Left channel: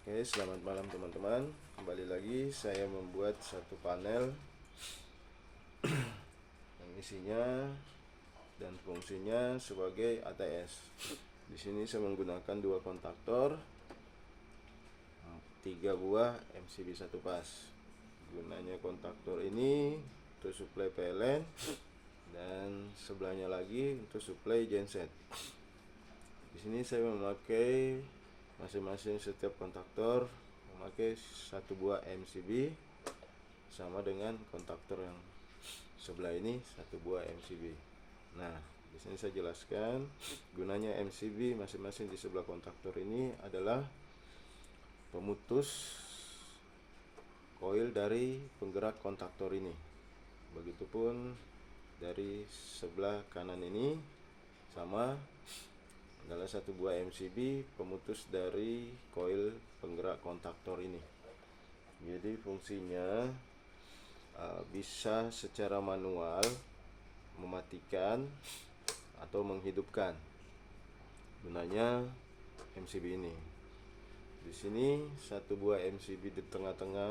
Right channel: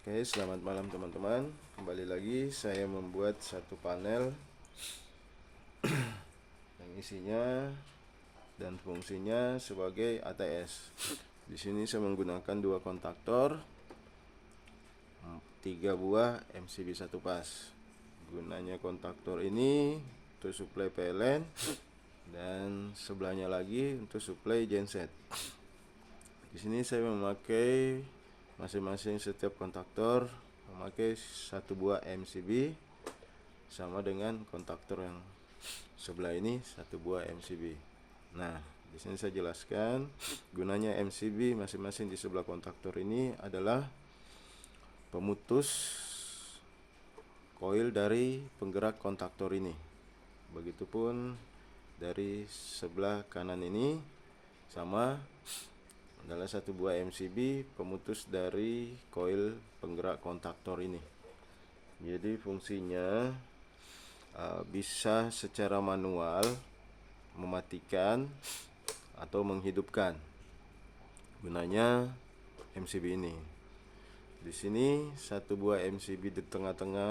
Oke, selamat malam teman-teman. Kembali lagi saya membuat satu panel yang isinya dan fungsinya sebagai ATS. Di sini saya menggunakan dua kontaktor, 3 buah MCB satu pas. Gunanya kontaktor ini untuk suplai PLN dan sebelahnya lagi untuk suplai genset. Di sini saya memakai masing-masing setiap kontaktor memakai satu buah MCB sama dengan kontaktor yang sebelah ini satu buah MCB. Nah, di sini saya jelaskan gunanya MCB masing-masing di sebelah kontaktor ini adalah pemutus koil dari penggerak kontaktor ini. Begitupun dari sebelah kanan ini sama adalah satu buah MCB pemutus dari koil penggerak kontaktor ini. Jadi fungsinya bisa secara manual mematikan atau menghidupkan. Gunanya MCB ini. Di sini satu buah MCB di tengah-tengah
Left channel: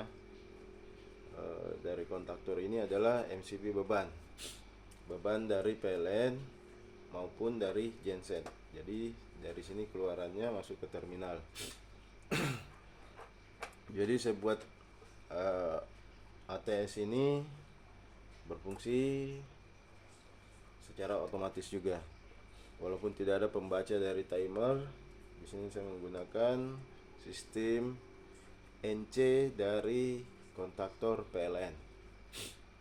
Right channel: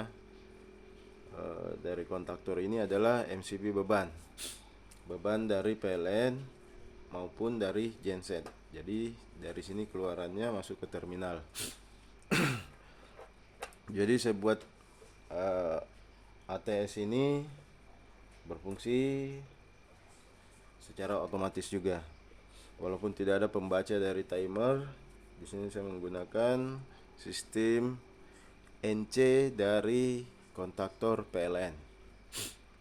dari kontaktor ini adalah MCB beban dari PLN maupun dari genset. Jadi dari sini keluarannya masuk ke terminal. Jadi saya buat ATS ini berfungsi secara otomatis juga. Walaupun tidak ada pembaca dari timer, di sini saya menggunakan sistem NC dari kontaktor PLN.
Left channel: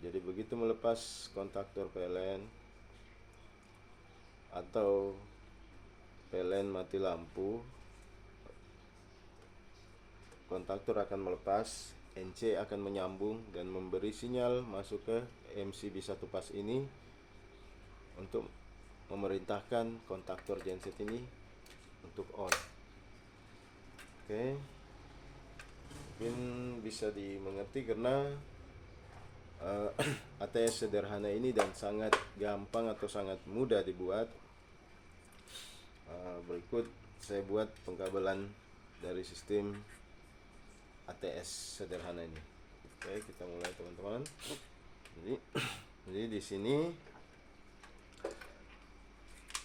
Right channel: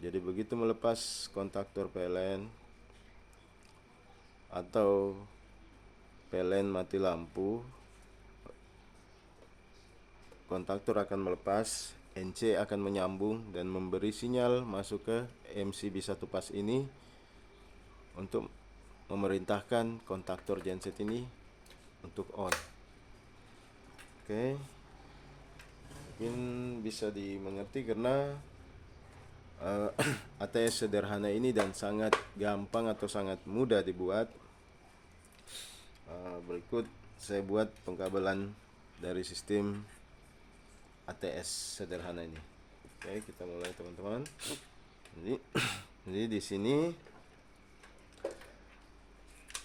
Jadi begitu melepas kontaktor PLN atau PLN mati lampu, kontaktor akan melepas, NC akan menyambung dan memberi sinyal masuk ke MCB satu pas ini untuk memerintahkan kontaktor genset ini untuk on. Oke, mungkin bisa dimengerti karena ATS sederhana ini dan sangat gampang atau sangat mudah dibuat. Berikut saya buat pengkabelan dari sistem ATS sederhana ini. Oke, kita mulai teman-teman. Jadi di sini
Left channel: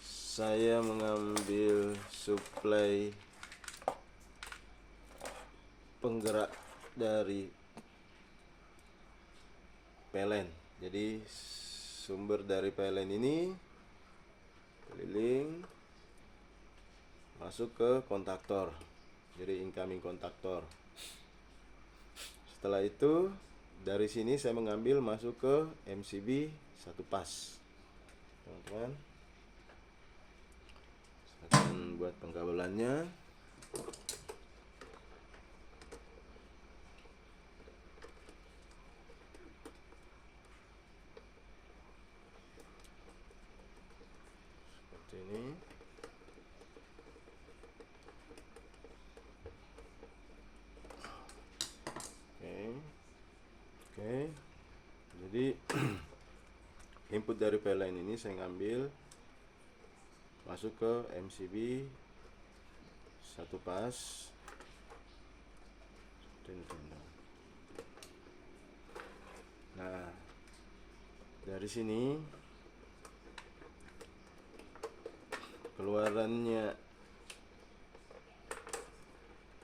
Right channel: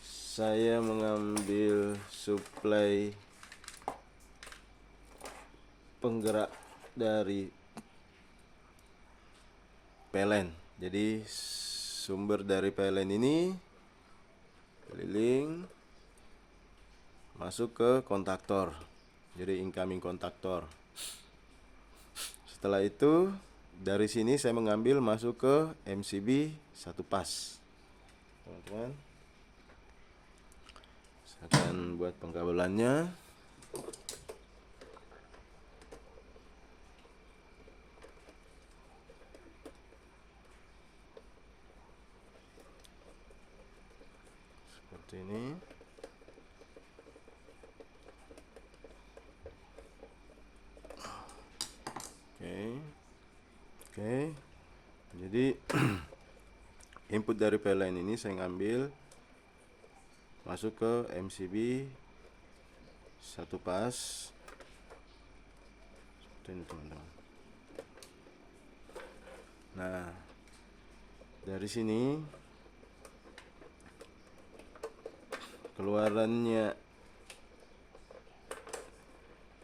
saya mengambil suplai penggerak dari PLN. Jadi sumber dari PLN ini keliling masuk ke kontaktor. Jadi incoming kontaktor. Setelah itu dari sini saya mengambil masuk ke MCB satu pas. Teman-teman, saya akan buat pengkabelannya. Seperti ini. Oke. Jadi input dari PLN ini saya ngambil masuk ke MCB satu pas. Nah, dari sini keluarannya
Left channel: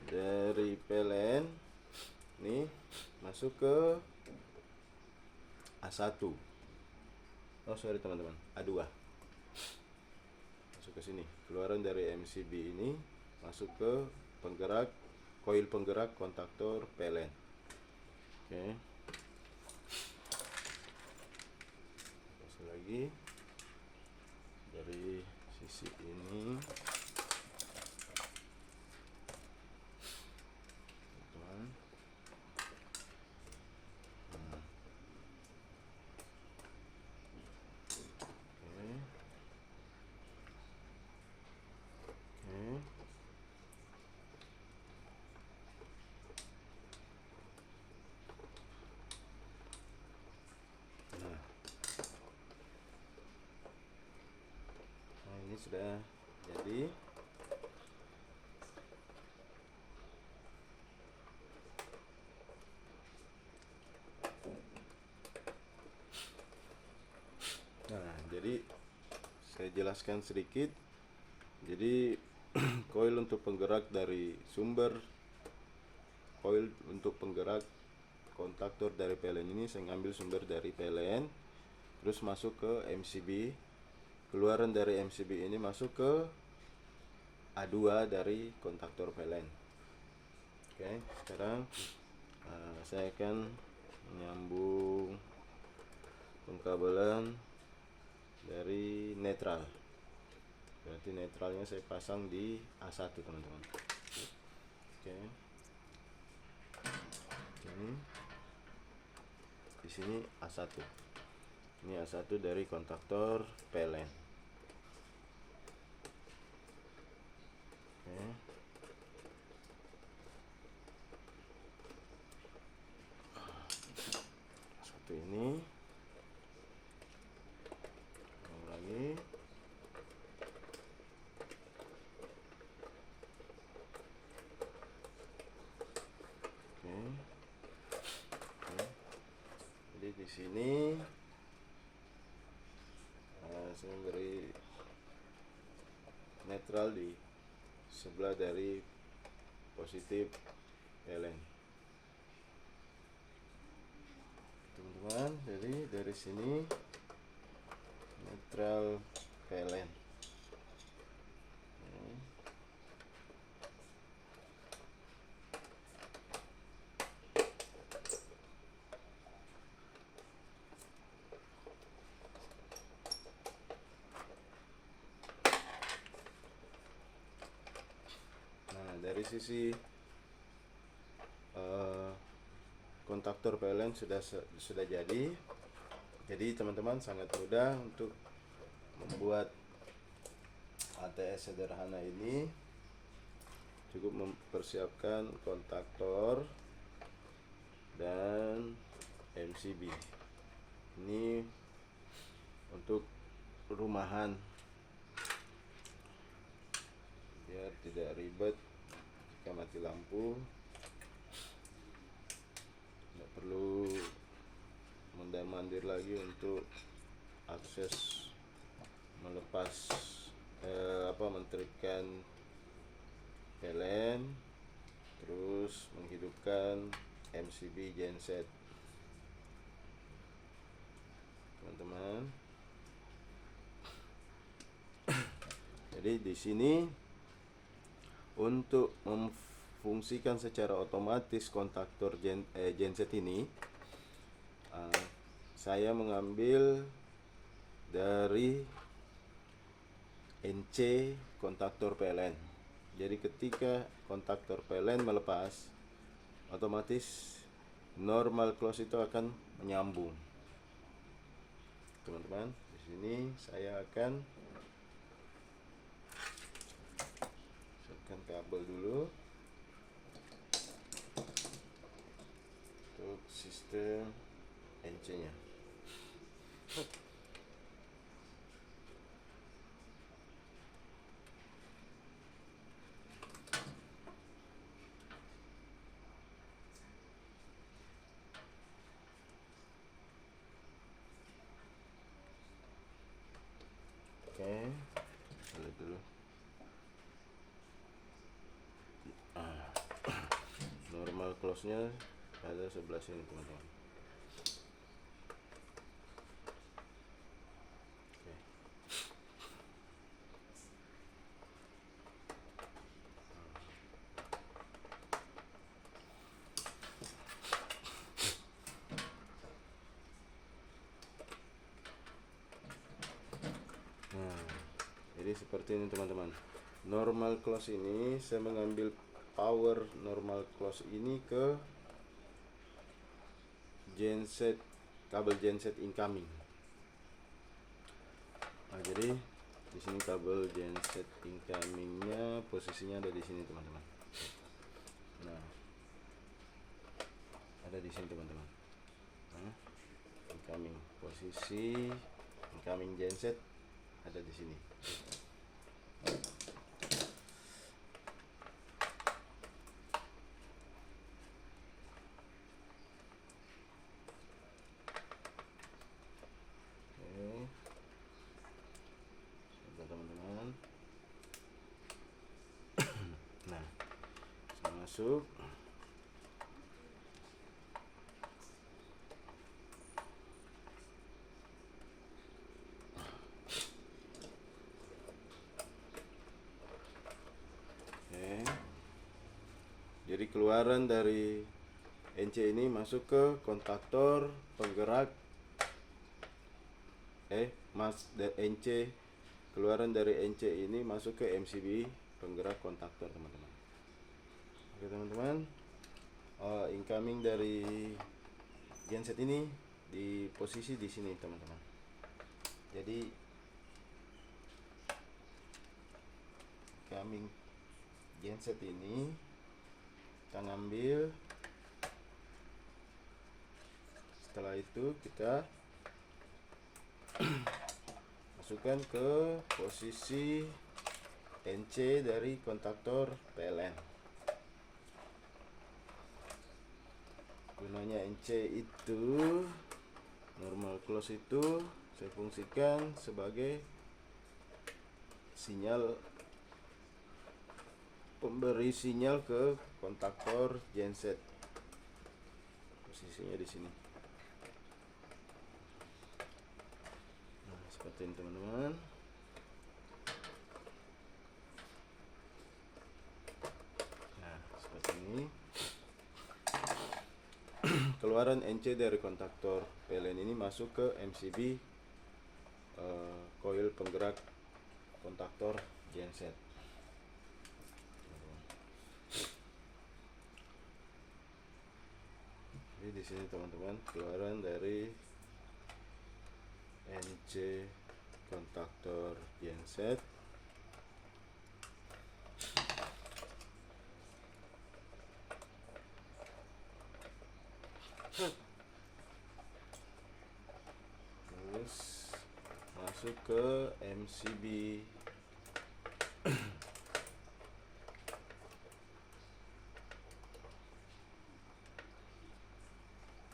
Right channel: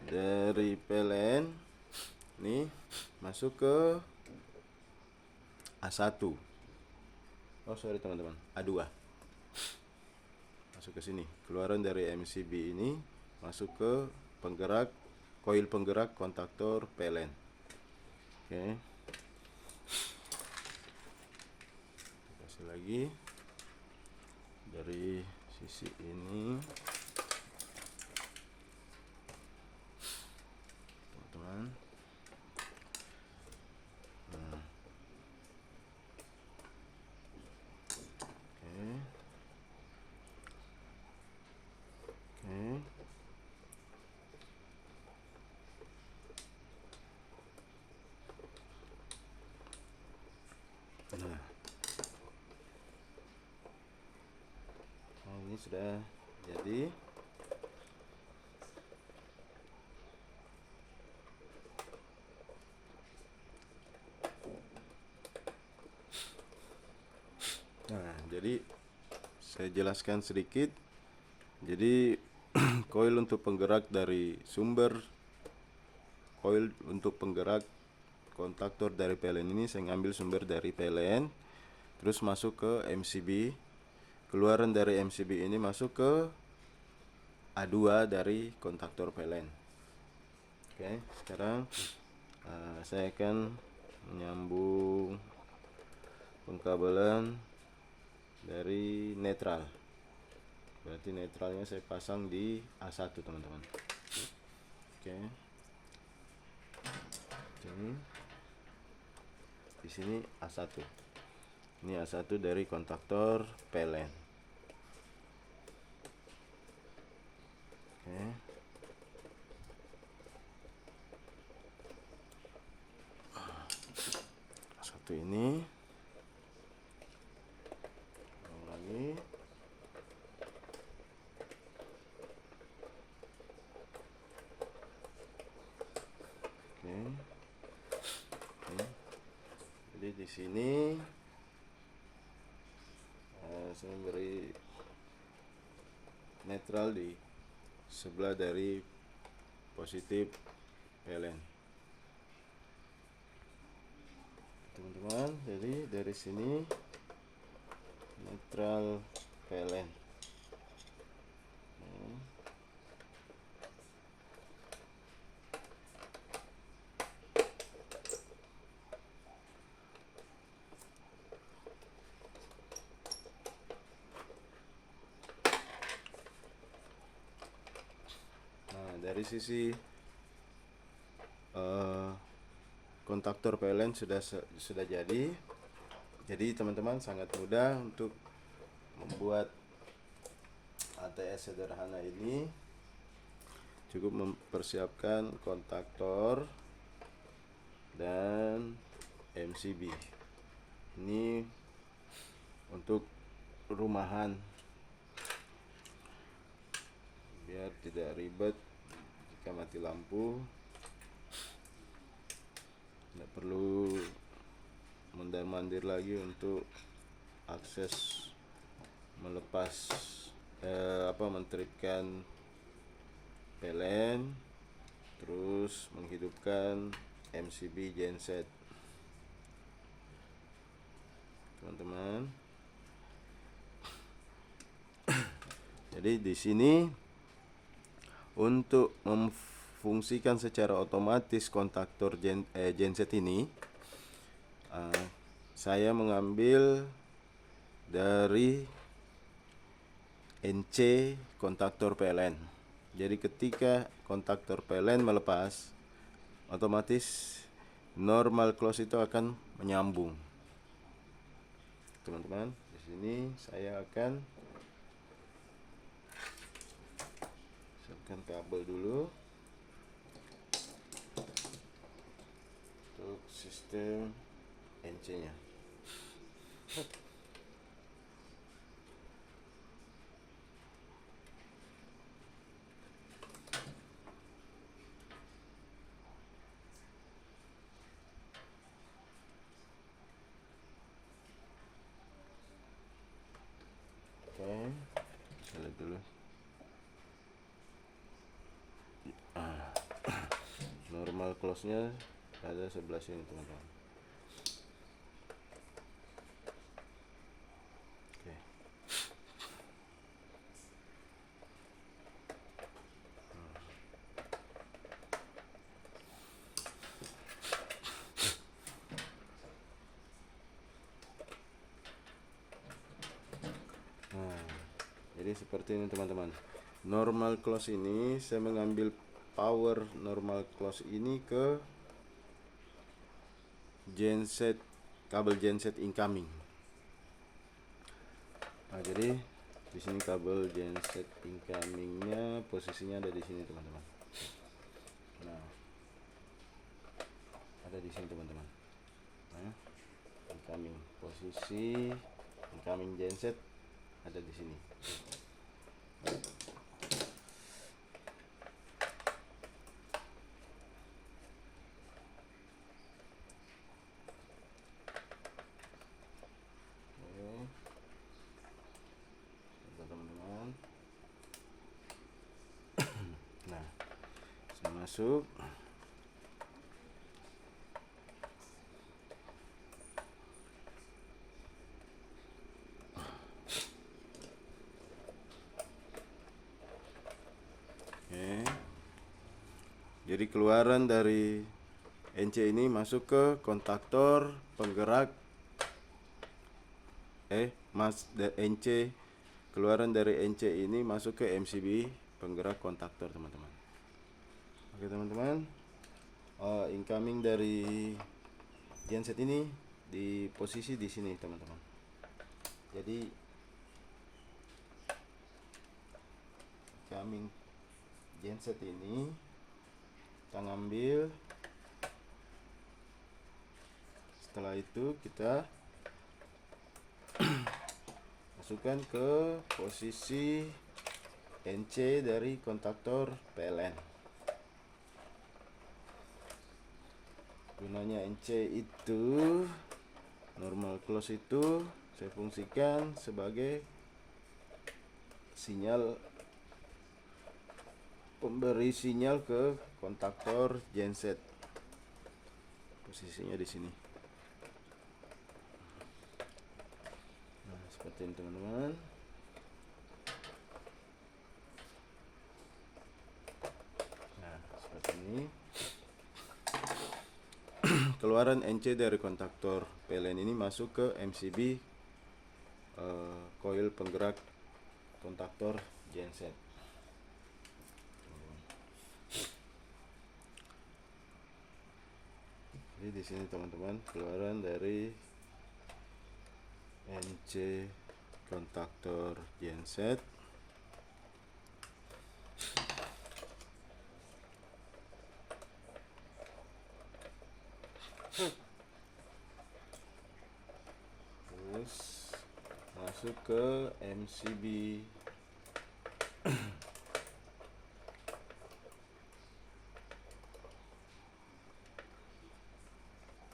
dari PLN ini masuk ke A1. Oh sorry teman-teman, A2. Masuk ke sini. Keluaran dari MCB ini masuk ke penggerak koil penggerak kontaktor PLN. Oke. Kasih lagi dari sisi ini. Teman-teman. Ini sudah jadi. saya jelaskan sedikit. Jadi coil untuk penggerak dari sumber, coil untuk penggerak kontaktor dari PLN ini saya ngambil sumber dari PLN, terus masuk ke MCB. Keluaran dari MCB ini masuk ke A2 dari kontaktor PLN. Oke, sekarang saya akan menyambung pengkabelan dari netral. Berarti netralnya saya pasang di A1, teman-teman. Oke. Ini di sini A1. Ini A1 dari kontaktor PLN. Oke. Satu ini. Lagi. Oke. Jadi di sini saya memberi netral di sebelah dari positif PLN, teman-teman. Jadi dari sini netral PLN. Dari sisi kontaktor PLN sudah jadi. Jadi teman-teman sangat mudah untuk membuat ATS sederhana ini. Cukup mempersiapkan kontaktor dan MCB. Ini untuk rumahan, biar tidak ribet jika mati lampu. Tidak perlu mondar-mandir lagi untuk akses melepas mentripkan PLN, terus menghidupkan MCB genset, teman-teman. Jadi di sini untuk memfungsikan secara otomatis kontaktor genset ini, saya mengambil dari NC kontaktor PLN. Jadi ketika kontaktor PLN melepas, otomatis normal close itu akan menyambung, teman-teman. Di sini saya akan masukkan kabel dulu untuk sistem NC-nya. Oke, lihat dulu. Normal close-nya ada sebelah sini, teman-teman. Oke. Jadi seperti ini, teman-teman. Normal close ini saya mengambil power normal close ini ke genset, kabel genset incoming. Jadi di sini kabel genset incomingnya posisinya ada di sini, teman-teman. Ada di sini, teman-teman. Incoming posisi incoming genset ada di sini. masuk. Oke. Jadi keluaran dari NC ini masuk ke kontaktor penggerak NC, keluaran dari NC ini masuk ke MCB penggerak kontaktor, teman-teman. Oke teman-teman, incoming dari genset ini di posisi di sini, teman-teman. Jadi incoming genset ini kita ngambil, setelah itu kita masukkan ke posisi NC dari kontaktor PLN. Gunanya NC itu, normal close itu saya fungsikan sebagai sinyal, pemberi sinyal ke kontaktor genset. Posisinya di sini. Nah, seperti ini teman-teman. Nah, seperti ini. Keluaran NC dari kontaktor PLN ini masuk ke MCB coil penggerak kontaktor genset. Jadi di sini teman-teman, keluaran dari NC kontaktor genset. Terus masuk ke MCB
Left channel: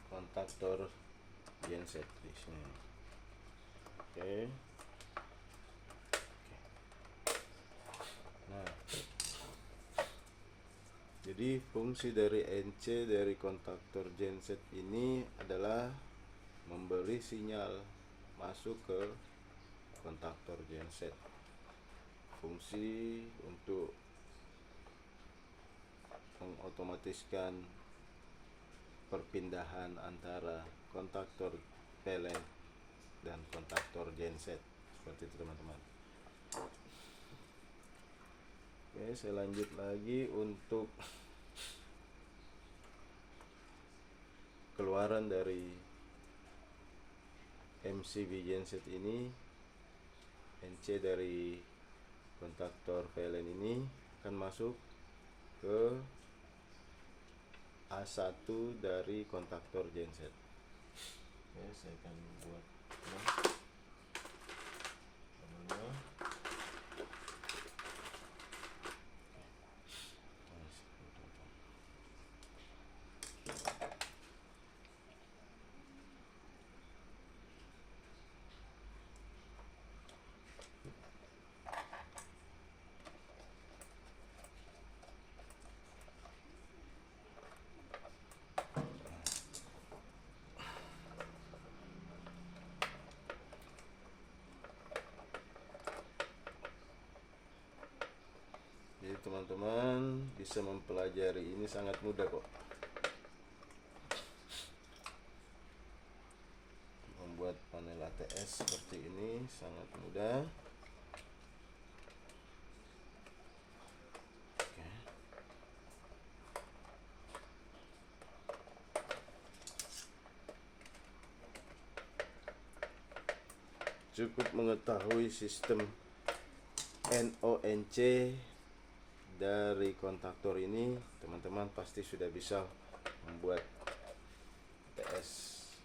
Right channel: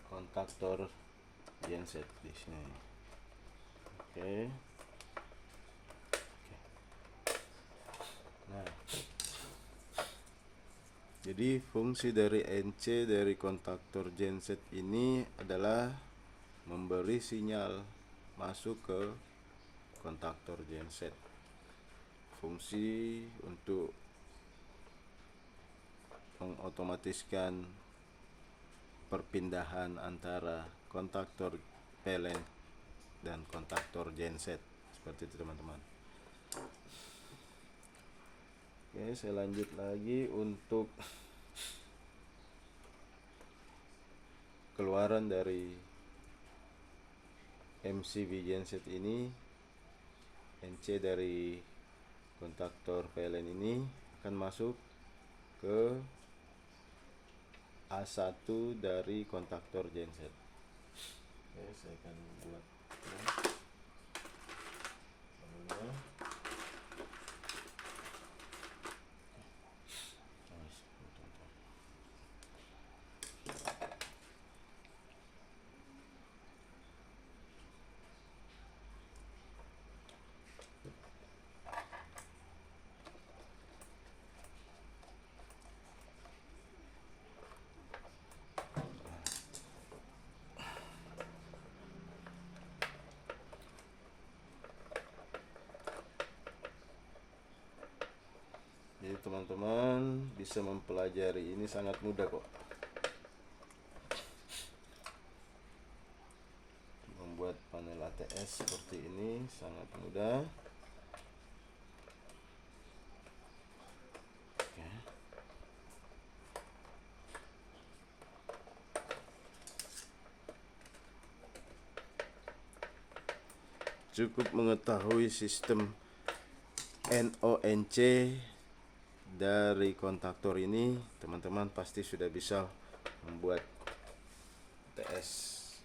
kontaktor genset di sini. Oke. Nah, jadi fungsi dari NC dari kontaktor genset ini adalah memberi sinyal masuk ke kontaktor genset. Fungsi untuk mengotomatiskan perpindahan antara kontaktor PLN dan kontaktor genset, seperti itu teman-teman. Oke, saya lanjut lagi untuk keluaran dari MCB genset ini. NC dari kontaktor PLN ini akan masuk ke A1 dari kontaktor genset. Oke, saya akan buat jadi teman-teman bisa mempelajari ini sangat mudah kok. Membuat panel ATS seperti ini sangat mudah. Oke. Cukup mengetahui sistem NONC dari kontaktor ini, teman-teman pasti sudah bisa membuat TS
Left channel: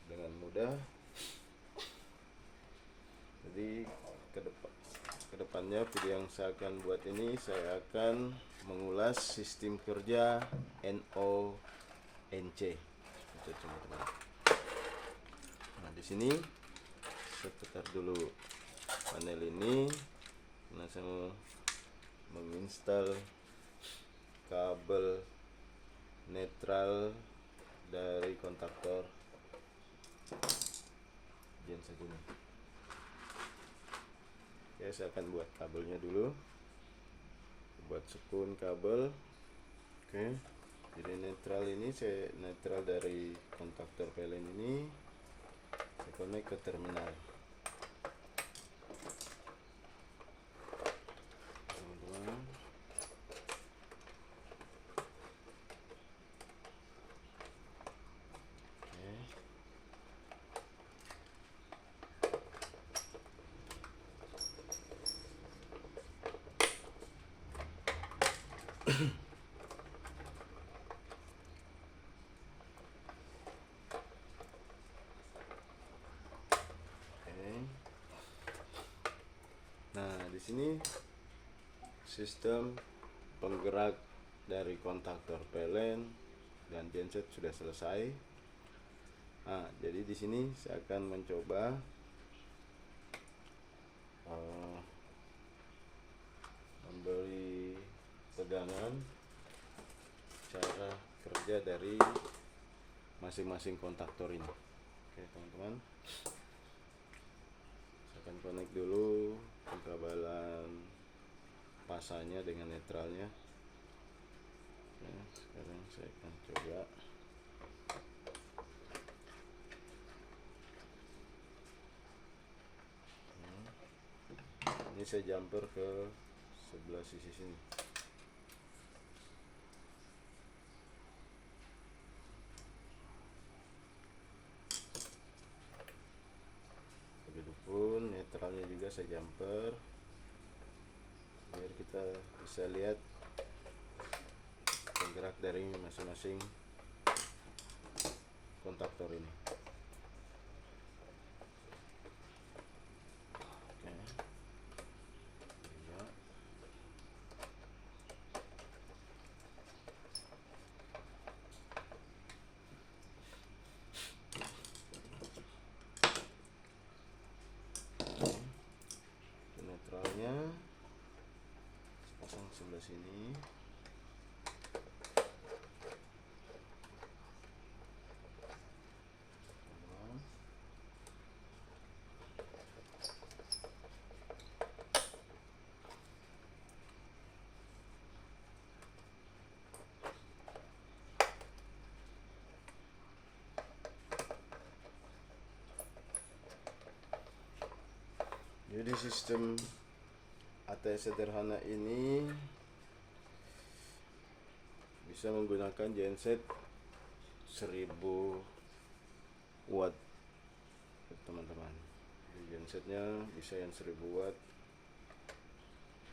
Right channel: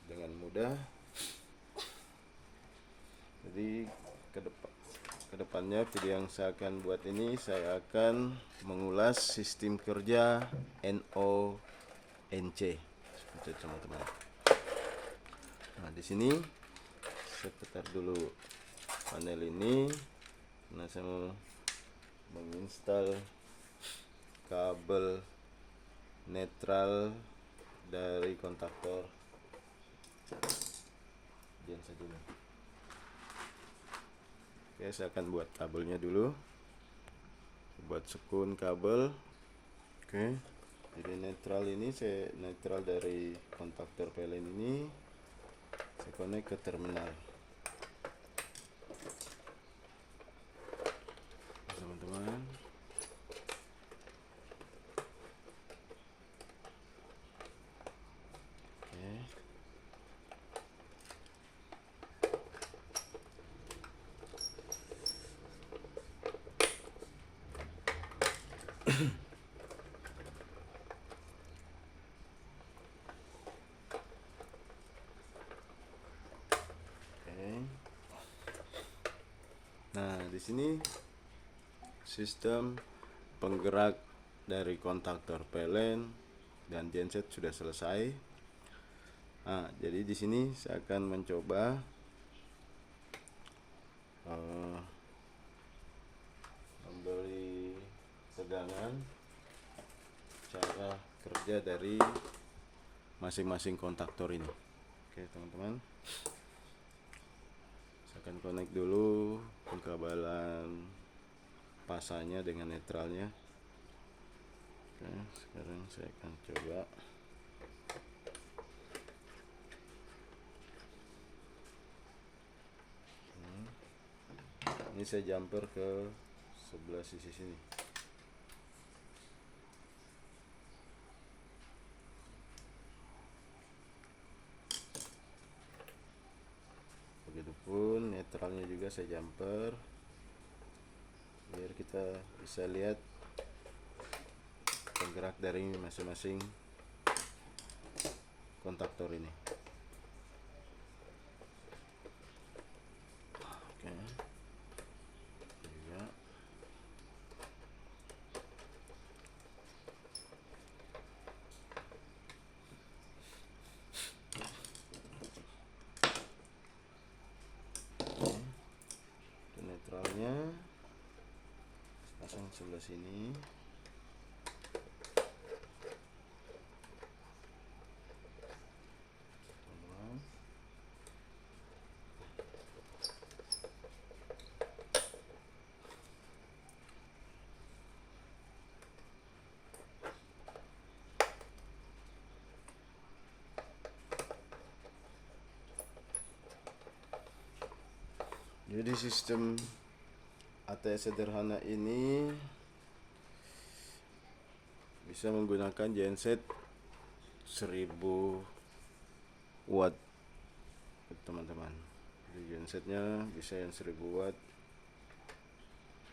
dengan mudah. Jadi kedepannya video yang saya akan buat ini, saya akan mengulas sistem kerja NONC seperti teman-teman. Nah, di sini saya putar dulu panel ini. Nah, saya menginstal kabel netral dari kontaktor genset ini. Oke, saya akan buat kabelnya dulu, buat sekun kabel. Oke, jadi netral ini netral dari kontaktor PLN ini saya connect ke terminal, teman-teman. Nah, di sini sistem penggerak dari kontaktor PLN dan genset sudah selesai. Nah, jadi di sini saya akan mencoba memberi tegangan cara kerja dari masing-masing kontaktor ini. Oke, teman-teman. Saya akan connect dulu pengkabelan pasanya dengan netralnya. Oke, sekarang saya akan coba. Ini saya jumper ke sebelah sisi sini. Begitupun netralnya juga saya jumper biar kita bisa lihat penggerak dari masing-masing kontaktor ini. Oke. Ya. Oke. Netralnya pasang sebelah sini. Jadi sistem ATS sederhana ini bisa menggunakan genset 1000 watt, teman-teman. Jadi gensetnya bisa yang 1000 watt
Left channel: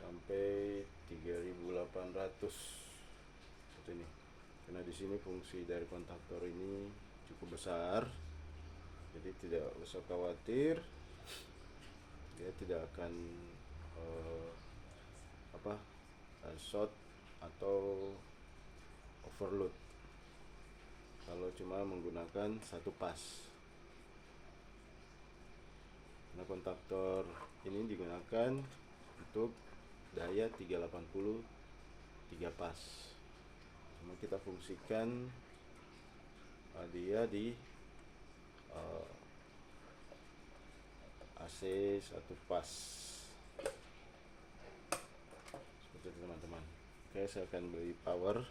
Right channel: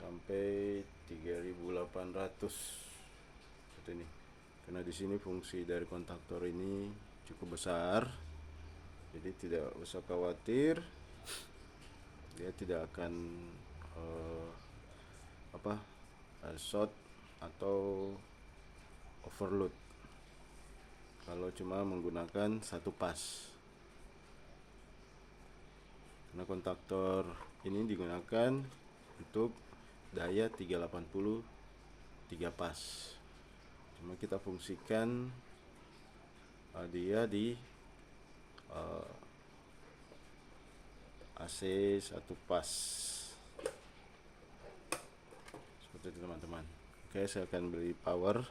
sampai 3800 seperti ini. Karena di sini fungsi dari kontaktor ini cukup besar, jadi tidak usah khawatir dia tidak akan short atau overload kalau cuma menggunakan satu pas. Karena kontaktor ini digunakan untuk daya 380 3 pas. Cuma kita fungsikan dia di AC satu pas seperti itu, teman-teman. Oke, saya akan beri power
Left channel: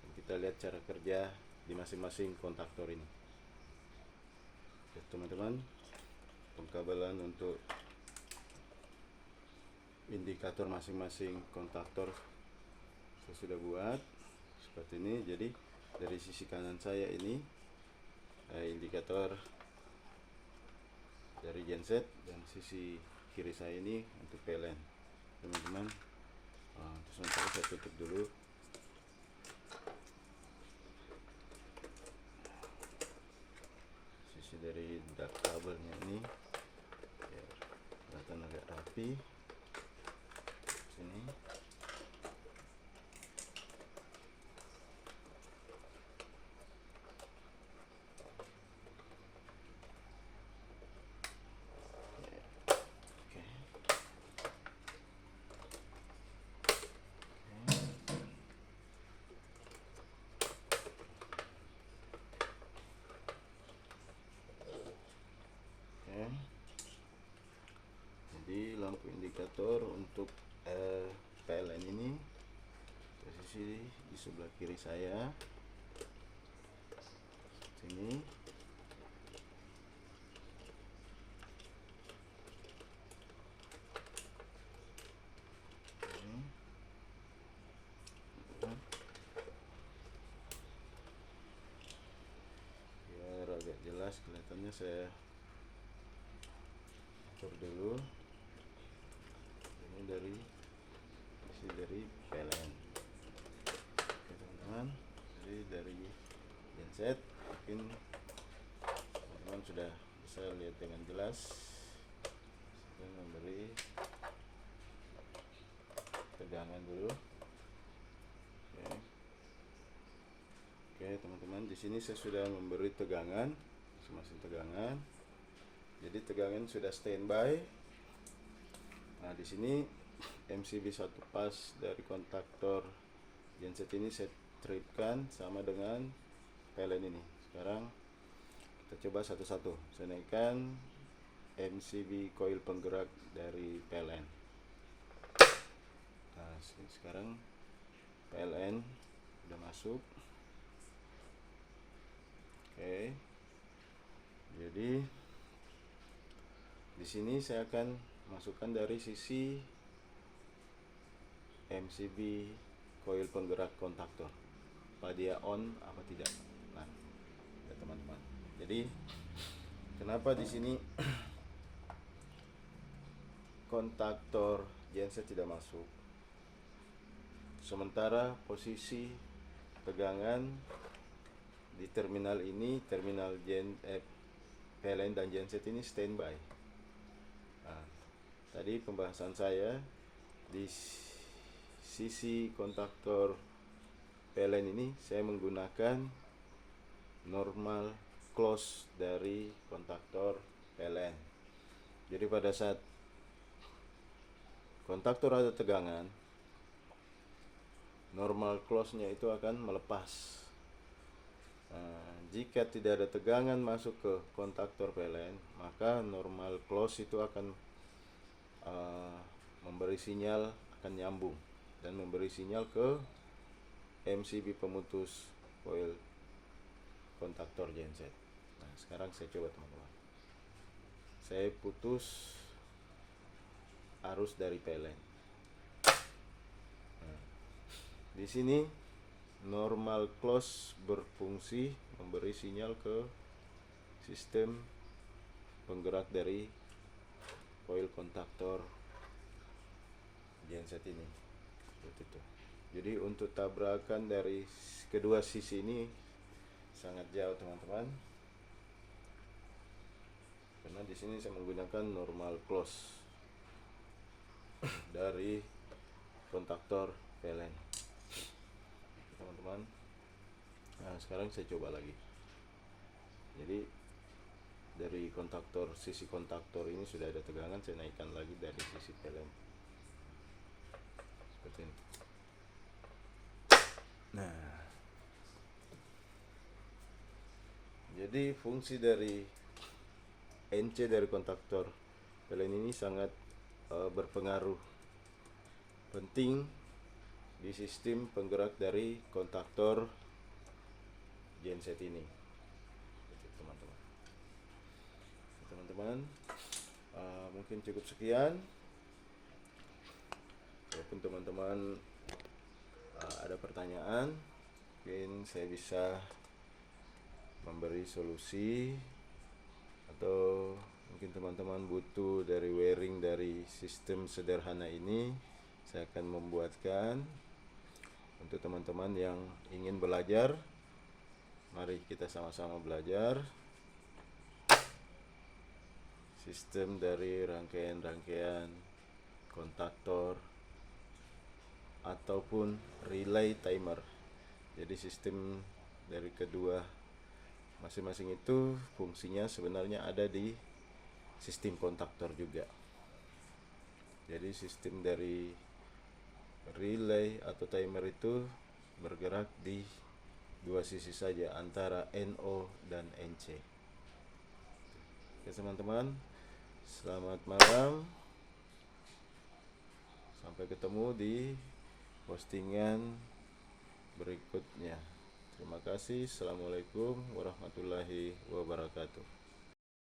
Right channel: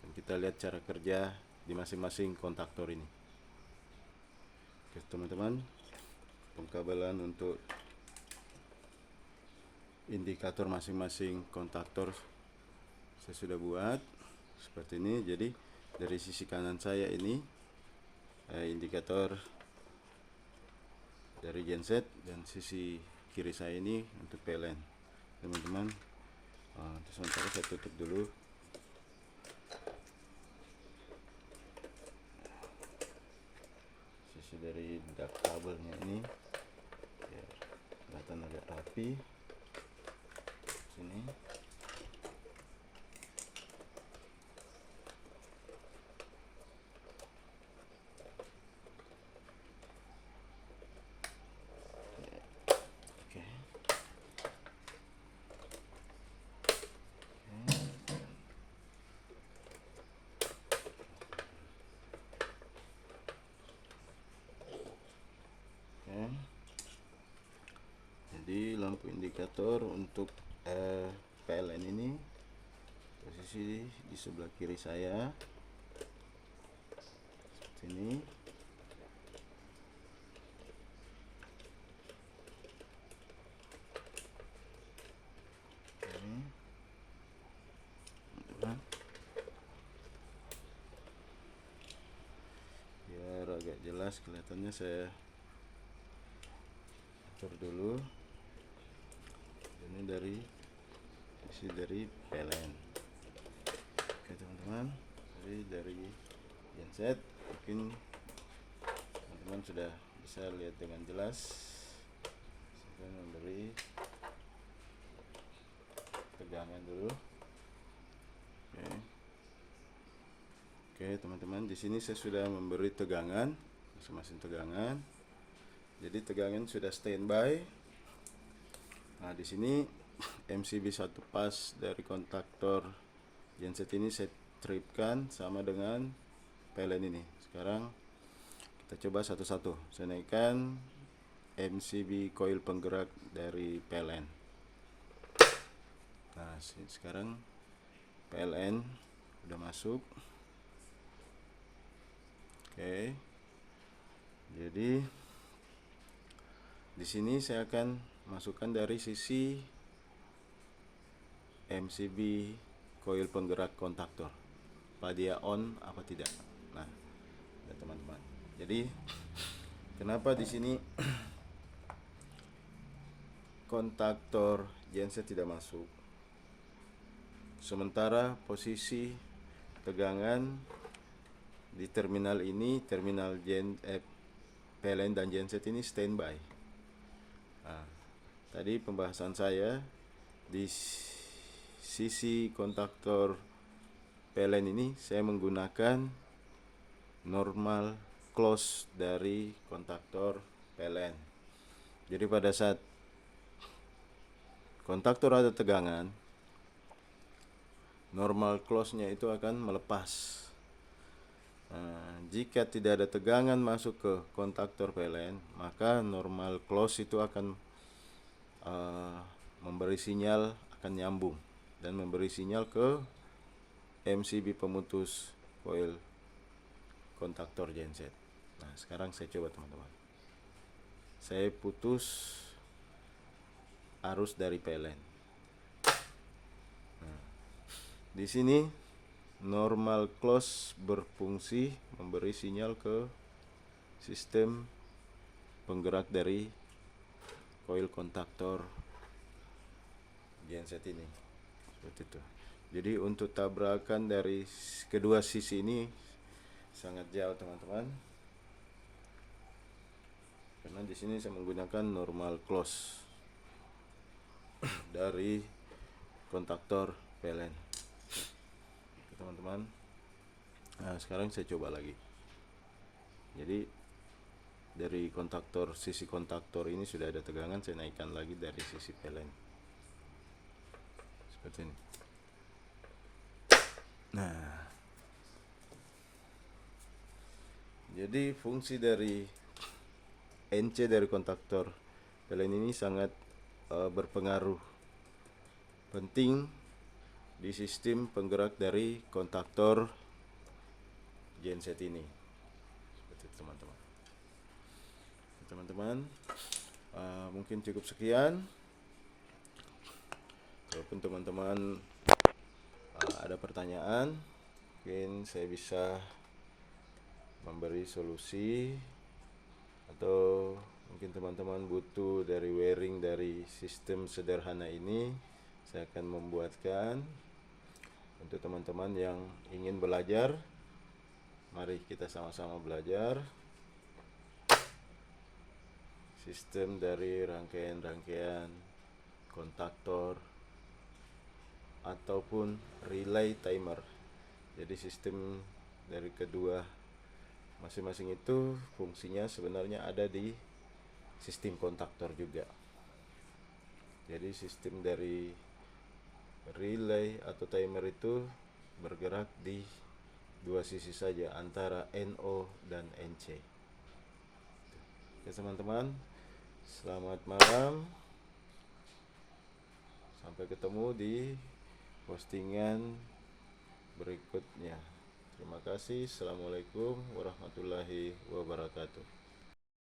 dan kita lihat cara kerja di masing-masing kontaktor ini. Oke, teman-teman, pengkabelan untuk indikator masing-masing kontaktor saya sudah buat seperti ini. Jadi dari sisi kanan saya ini indikator dari genset dan sisi kiri saya ini untuk PLN, teman-teman. Sementara saya tutup dulu. Sisi dari dart kabelnya ini biar kelihatan agak rapi. Sini. indikator untuk PLN ini. Posisi di sebelah kiri saya sini. Biar agak jelas kelihatannya, saya atur dulu. Ini dari isi dari PLN. Oke teman-teman, jadi dari genset mungkin teman-teman sudah bisa lihat dengan jelas. Saya memberi tegangan dulu. Oke teman-teman, di sini saya sudah memberi tegangan, masing-masing tegangan. Jadi tegangan sudah standby. Nah di sini MCB 1 pas dari kontaktor genset ini saya tripkan sama dengan PLN ini. Sekarang kita coba satu-satu. Saya naikkan MCB coil penggerak dari PLN. Nah sekarang PLN udah masuk. Oke. Jadi di sini saya akan masukkan dari sisi MCB coil penggerak kontaktor, apa dia on apa tidak. Nah, ya teman-teman. Jadi kenapa di sini kontaktor genset tidak masuk, sementara posisi tegangan di terminal ini, terminal PLN dan genset ini standby. Nah, tadi pembahasan saya di sisi kontaktor PLN ini saya menggunakan normal close dari kontaktor PLN. Jadi pada saat kontaktor ada tegangan, normal close-nya itu akan melepas. Nah, jika tidak ada tegangan masuk ke kontaktor PLN, maka normal close itu akan memberi sinyal, akan nyambung dan memberi sinyal ke MCB pemutus coil kontaktor genset. Nah sekarang saya coba teman-teman, saya putus arus dari PLN. Nah, di sini normal close berfungsi memberi sinyal ke sistem penggerak dari coil kontaktor genset ini, seperti itu. Jadi untuk tabrakan dari kedua sisi ini sangat jauh teman-teman, karena di sini saya menggunakan normal close dari kontaktor PLN, teman-teman. Nah sekarang saya coba lagi. Jadi dari kontaktor, sisi kontaktor ini sudah ada tegangan, saya naikkan lagi dari sisi PLN seperti ini. Nah, jadi fungsi dari NC dari kontaktor PLN ini sangat berpengaruh penting di sistem penggerak dari kontaktor genset ini. Teman-teman, mungkin cukup sekian. Walaupun teman-teman ada pertanyaan, mungkin saya bisa memberi solusi, atau mungkin teman-teman butuh dari wiring dari sistem sederhana ini, saya akan membuatkan untuk teman-teman yang ingin belajar. Mari kita sama-sama belajar sistem dari rangkaian-rangkaian kontaktor ataupun relay timer. Jadi sistem dari kedua masing-masing itu fungsinya sebenarnya ada di sistem kontaktor juga. Jadi sistem dari relay atau timer itu bergerak di dua sisi saja, antara NO dan NC. Oke teman-teman, selamat malam. Sampai ketemu di postingan berikutnya. Terima kasih. Assalamualaikum warahmatullahi wabarakatuh.